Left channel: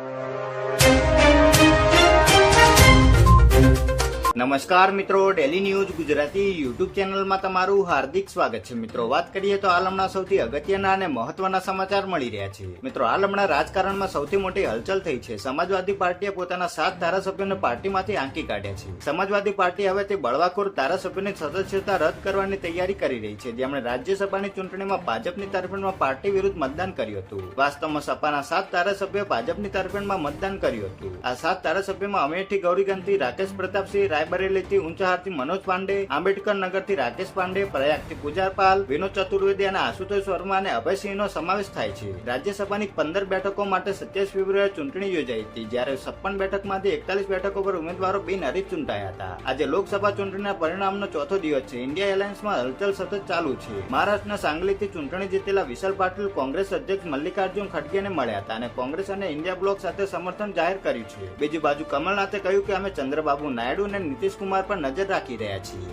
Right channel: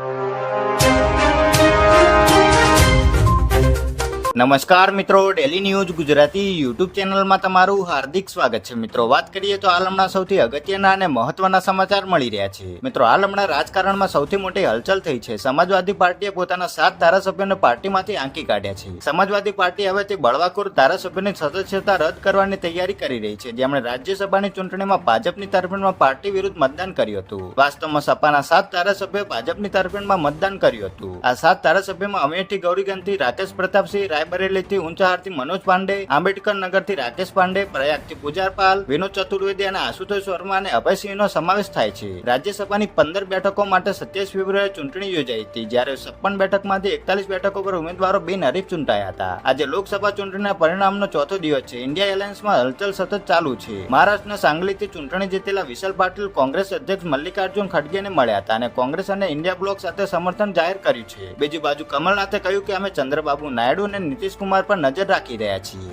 you. નમસ્કાર મિત્રો daily news Gujarati YouTube ચેનલમાં તમારું હાર્દિક સ્વાગત છે. મિત્રો, વાત કરીએ તો હાલ હમણાં સૌથી અગત્યના અને મહત્વના સમાચાર મળી રહ્યા છે. મિત્રો હાલ હમણાં રાજકારણમાં સૌથી મોટી હલચલ થઈ છે. સમાજવાદી પાર્ટીએ પોતાના સાત ધારાસભ્યોને પાર્ટીમાંથી આંકી કાઢ્યા છે. સમાજવાદી પાર્ટી હવે તે બળવાખોર ધારાસભ્યોની સદસ્યતા રદ કરવાની તૈયારી કરી રહી છે. જેમણે રાજ્યસભાની ચૂંટણીમાં ભાજપની તરફેણમાં પાર્ટી વિરુદ્ધ મતદાન કર્યું હતું. વાસ્તવમાં સપાના સાત ધારાસભ્યોએ ભાજપની તરફેણમાં મતદાન કર્યું હતું. આ સાત ધારાસભ્યોમાં અમેઠી ગૌરીગંથી રાકેશ પ્રતાપસિંહ રાયબરેલીથી ઊંચાહારથી મનોજ પાંડે, આંબેડકર નગરથી રાકેશ પાંડે, પ્રયાગથી પૂજારપાલ વિનોદ ચતુર્વેદી અને આશુતોષ વર્મા અને અભયસિંહનો સમાવેશ થાય છે. રાજ્યસભાની પંદર બેઠકો માટે સત્યાવીસ ફેબ્રુઆરી ચૂંટણી યોજાઈ હતી, જ્યારે છપ્પન બેઠકમાંથી એકતાલીસ બેઠકો પર ઉમેદવારો બિનહરીફ ચૂંટાયા હતા. આજે લોકસભા ચૂંટણીના પરિણામનો ચોથો દિવસ છે. ઇન્ડિયા એલાયન્સમાં હલચલ સતત ચાલુ છે. મહારાષ્ટ્રના સાંગલીથી ચૂંટણી જીતેલા વિશાલ પાટીલ કોંગ્રેસ અધ્યક્ષ મલ્લિકાર્જુન ખડગેને મળ્યા હતા અને કોંગ્રેસ અને ઇન્ડિયા બ્લોક સાથે સમર્થન જાહેર કર્યું છે. બીજી બાજુ કમલનાથે કહ્યું કે અમે ચંદ્રબાબુ નાયડુ અને નીતિશ કુમાર પર નજર રાખી રહ્યા છીએ.